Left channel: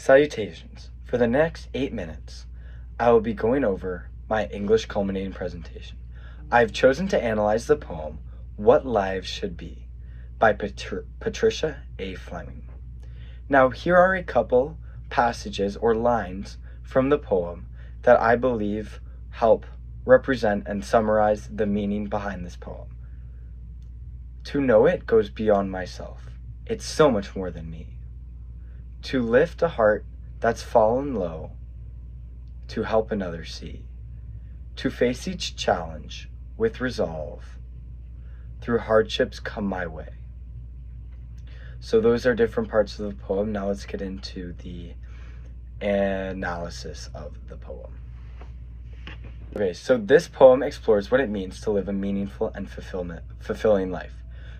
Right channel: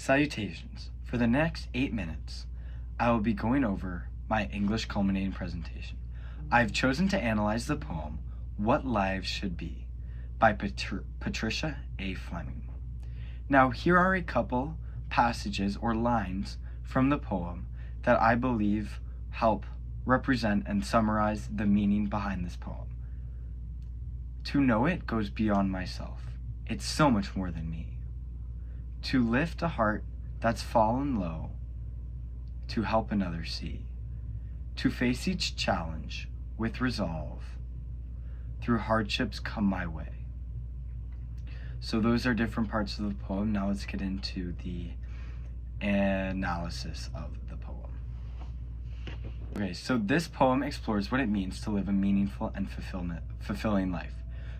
Salutations. For the next 8 minutes, I will be going over my English culminating presentation. I've chosen to analyze the poem, What Lives Should Be, by Patricia A. Fleming. Now, here are a couple passages or lines from the poem that I believe help represent and summarize the meaning behind this poem. To know it goes beyond myself. It's so much more than me. To lift a heart that's fallen low, to help another see. To face each challenge with resolve, through hardships come my way. So those are different parts of the poem. Now let's get into the analysis of the poem. Okay, so this poem explores what it means to live a meaningful and fulfilling life.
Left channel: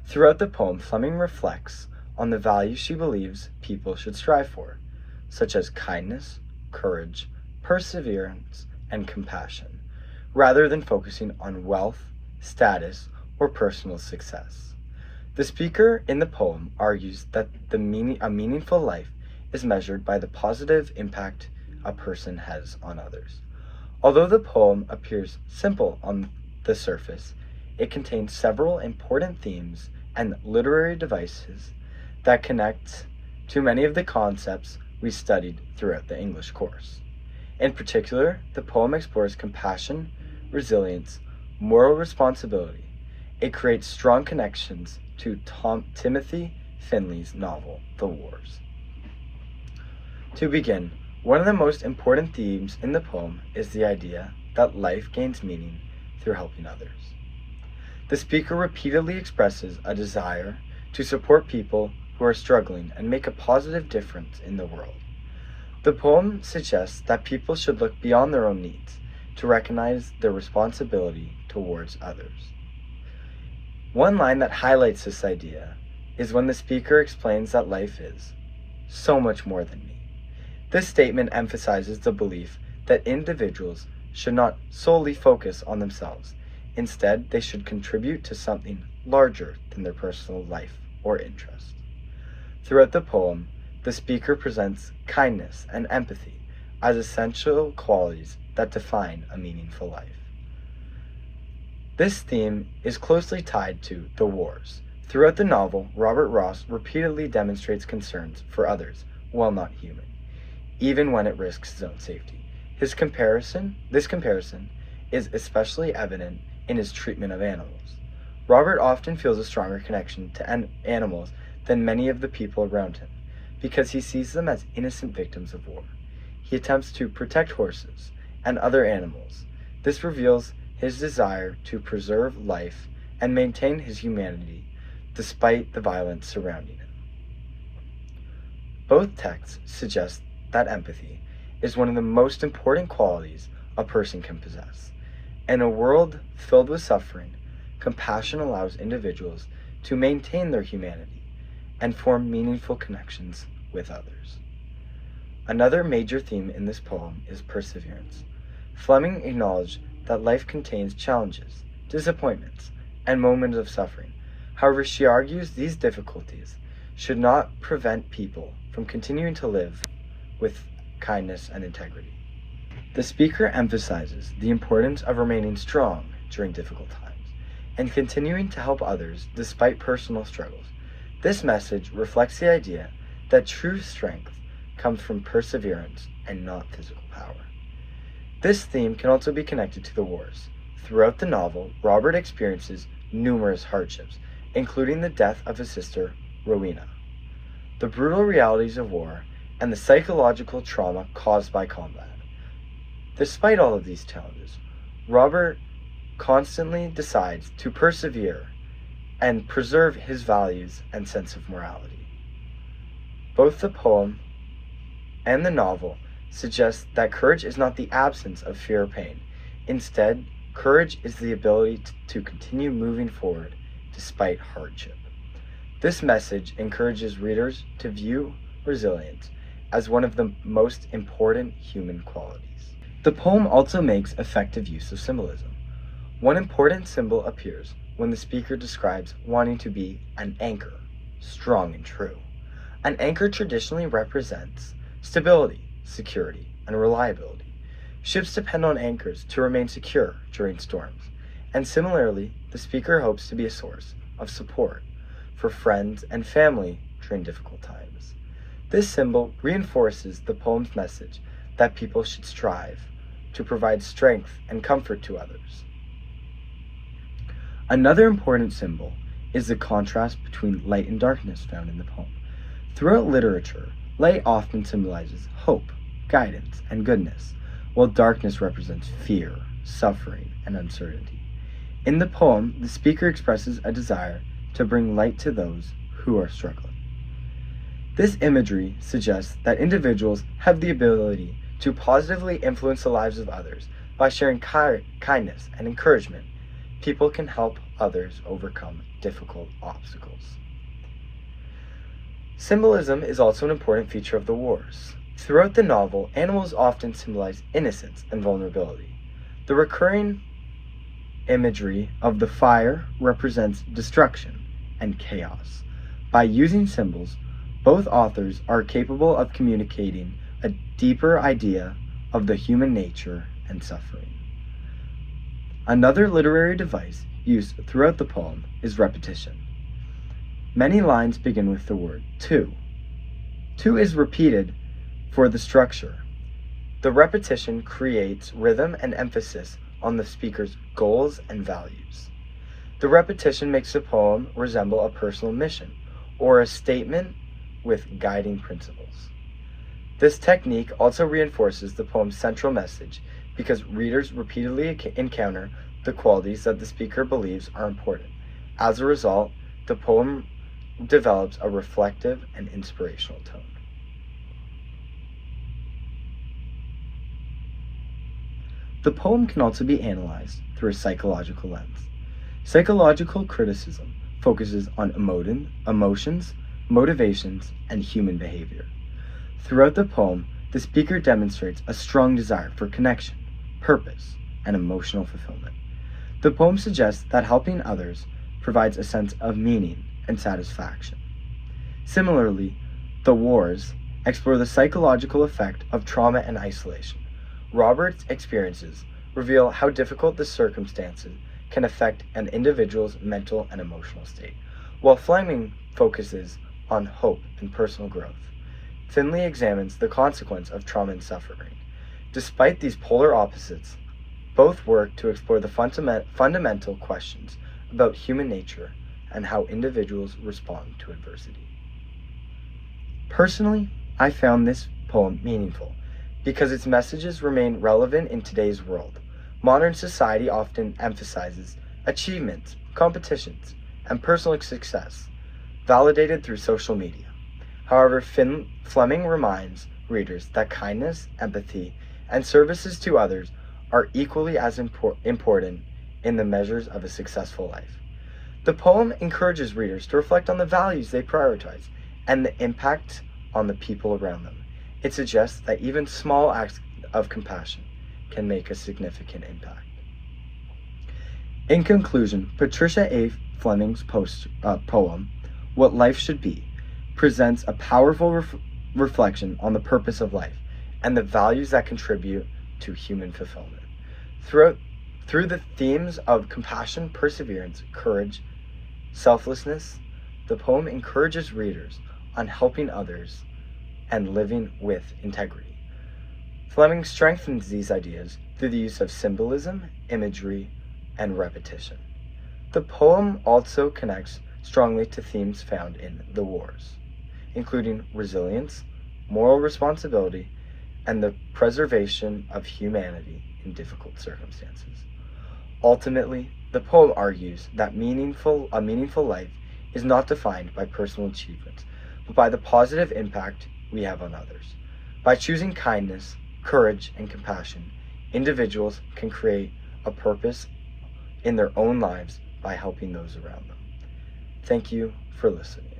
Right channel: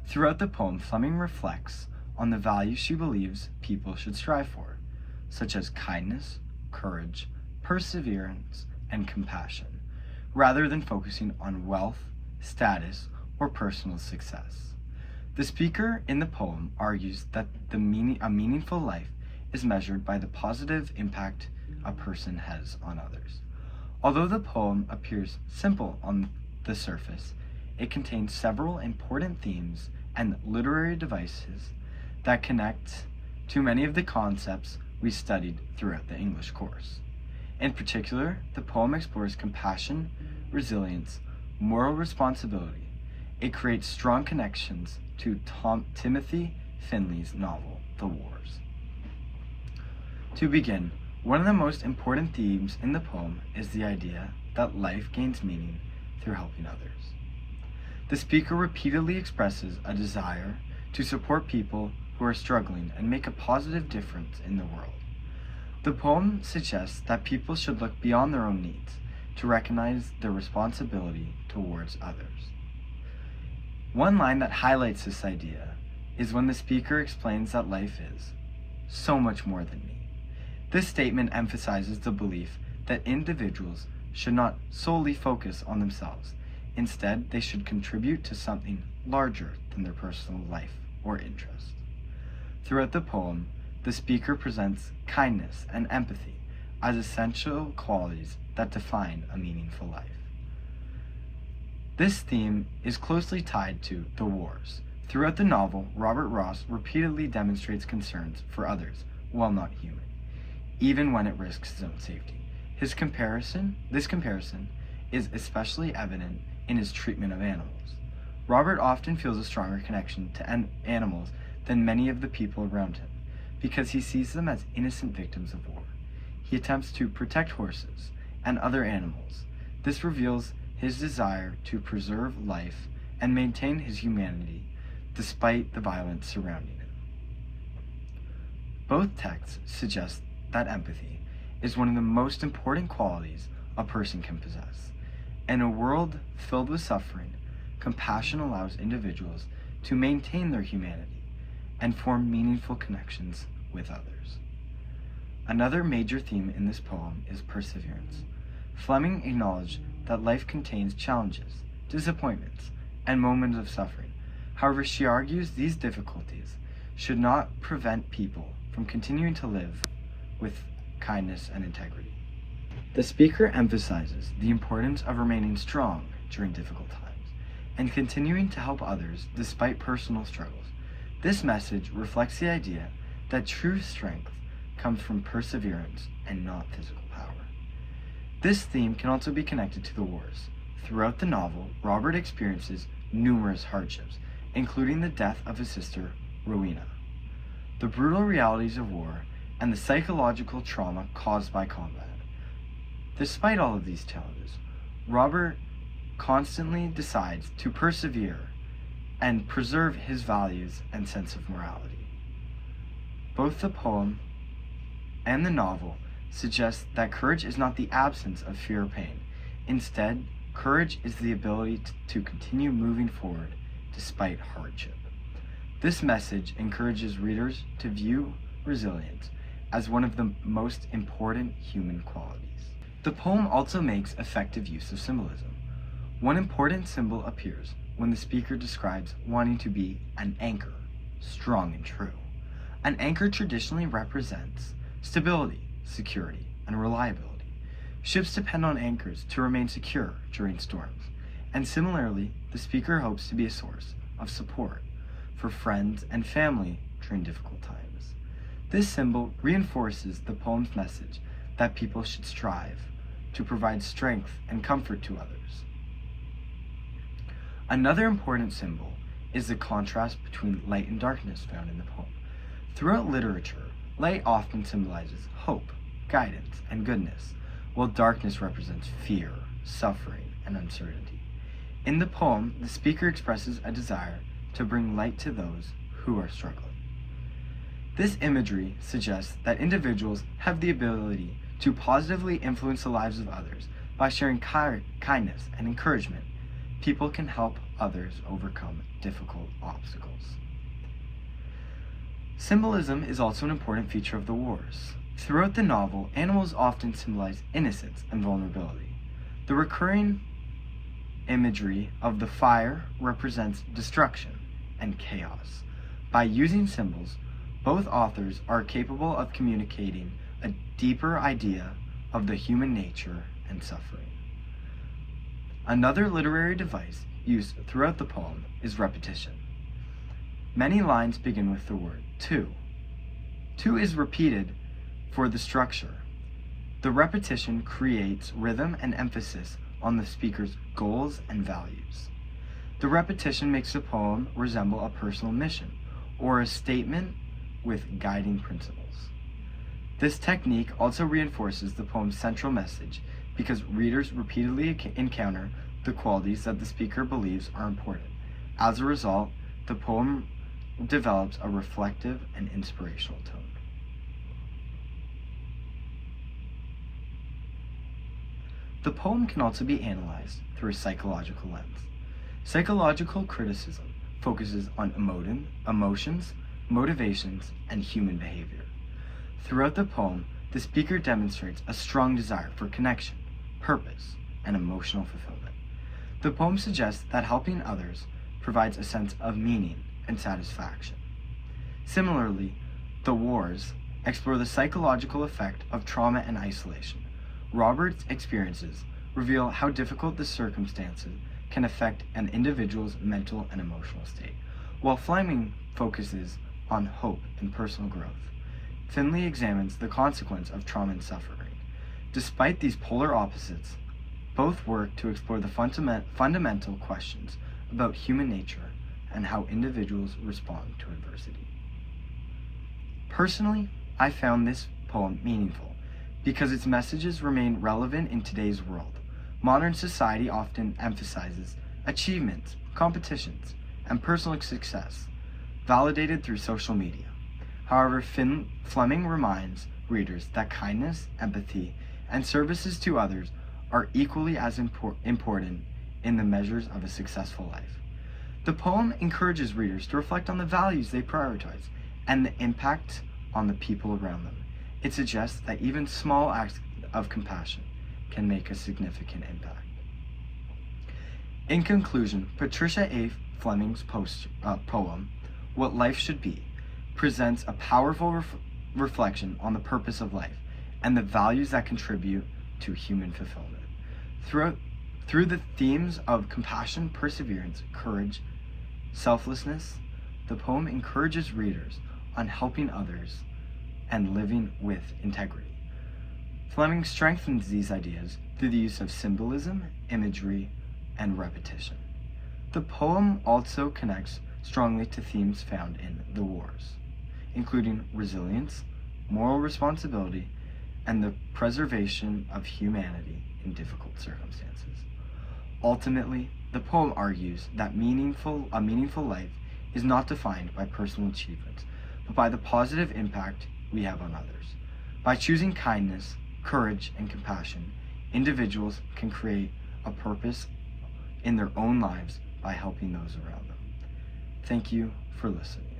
Throughout the poem, Fleming reflects on the values she believes people should strive for, such as kindness, courage, perseverance, and compassion, rather than focusing on wealth, status, or personal success. The speaker in the poem argues that a meaningful life is measured by the positive impact a person has on others. Although the poem appears simple on the surface, it contains several important themes and literary devices that connect to many of the concepts we studied throughout the English course. In particular, the poem explores compassion, resilience, moral responsibility. It creates strong connections to Timothy Finley's novel, The Wars. To begin, one of the most important themes in the poem is the idea that life gains meaning through helping others. The speaker repeatedly expresses a desire to support people who are struggling and make a positive difference in the world. The poem suggests that people should look beyond their own needs to recognize their responsibility towards others. One line that highlights this idea is when the speaker explains that life is so much more than me. This statement emphasizes the belief that individuals should not solely focus on themselves. Instead, they should contribute to something larger than their personal life or interest. Throughout the poem, the speaker presents kindness and empathy as essential qualities that define a meaningful life. This theme is closely tied to The Wars. Throughout the novel, Robert Ross repeatedly demonstrates concerns for others while not human, even when it risks his own safety. This comparison is especially evident in his treatment of animals. Robert often feels a stronger connection to animals than many of the people around him, because he sees them as innocent victims of war. He attempts to protect horses and other animals. This reveals his desire to preserve life and maintain his humanity despite the violence surrounding him. Both texts suggest that empathy is one of the most important qualities a person can possess. In a world filled with suffering, compassion allows individuals to maintain their humanity and form meaningful connections with others. Another major theme in this poem is perseverance. Fleming acknowledged that life contains challenges, disappointments, and moments of suffering. However, she argues these difficulties should not prevent people from continuing to live with kindness and integrity. The speaker emphasizes the importance of remaining strong during difficult times and continuing to help others despite personal struggles. This message reflects the idea that true strength comes from perseverance and not physical power. This theme can also be connected to The Wars. Throughout the novel, Robert experiences numerous hardships, including the death of his sister, Rowena, the brutal realities of war, and the psychological trauma caused by combat. Despite all of these challenges, Robert constantly decides to persevere and preserve his values and sense of morality. Both the poem and the novel suggest that courage is not the absence of fear or pain. Instead, courage is the ability to continue moving forward despite hardship. This message encourages readers to view resilience as one of the most important human qualities. The poem also makes effective use of symbolism. One important symbol appears when the speaker describes wanting to be an anchor, strong and true. An anchor traditionally represents stability, security, and reliability. Ships depend on anchors to remain secure during storms, and similarly, the speaker hopes to be a source of support for friends and family during difficult times. This symbol reinforces the poem's message that people should strive to provide strength and comfort to others. Another important symbol is the contrast between light and darkness found in the poem. Throughout literature, light often symbolizes hope, guidance, and goodness, while darkness represents fear, suffering, and uncertainty. In the poem, the speaker expresses a desire to bring light to those who are struggling. This imagery suggests that individuals have the ability to positively influence the lives of others by sharing kindness and encouragement. People can help others overcome difficult obstacles. Symbolism is also an important feature of the wars. Throughout the novel, animals often symbolize innocence and vulnerability. The recurring imagery of the fire represents destruction and chaos. By using symbols, both authors are capable of communicating a deeper idea of the human nature and suffering. Another literary device used throughout the poem is repetition. Many lines begin with the word to. To is repeated for the structure. The repetition creates rhythm and emphasis on the speaker's goals and values. The repetition makes the poem resemble a personal mission or a statement with guiding principles. This technique also reinforces the poem's central message because readers repeatedly encounter the qualities that the speaker believes are important. As a result, the poem develops a reflective and inspirational tone. The poem can also be analyzed through a psychological lens. Psychological criticism focuses on emotions, motivations, and human behavior. Throughout the poem, the speaker demonstrates a strong desire for connection, purpose, and emotional fulfillment. The poem suggests that helping others provides a sense of meaning and satisfaction. Similarly, the wars explore the psychological effect of trauma and isolation. Robert's experiences reveal how difficult the circumstances can affect an individual's mental and emotional state, while Fleming focuses on hope and personal growth. Finlay examines the consequence of trauma and suffering. Despite these polar opposites, both work to explore the fundamental questions about human nature and how individuals respond to adversity. Personally, I found this poem meaningful because its messages remain relevant in today's world. Modern society often emphasizes achievements, competitions, and personal success, validated through social media. However, Fleming reminds readers that kindness, empathy, and services to others are equally as important in the measures of a successful life. The poem encourages readers to reflect on the values they prioritize and the impact on the people around them. It suggests that even small acts of compassion can make a significant impact. In conclusion, Patricia A. Fleming's poem, What Life Should Be, presents a powerful reflection on the purpose of life and the values that contribute to human fulfillment. Through the themes of compassion, perseverance, courage, selflessness, the poem encourages readers on helping others and living with integrity. Fleming strengthens these ideas through the use of symbolism, imagery, and repetition. The poem also connects strongly to themes found in the wars, including resilience, moral responsibility, and the preservation of humanity in difficult circumstances. Ultimately, the poem argues that a meaningful life is not defined by personal achievements, but by the positive impact we have on others. By choosing kindness, courage, and compassion, individuals can create a purpose in their own lives by helping those around them. Thank you for listening.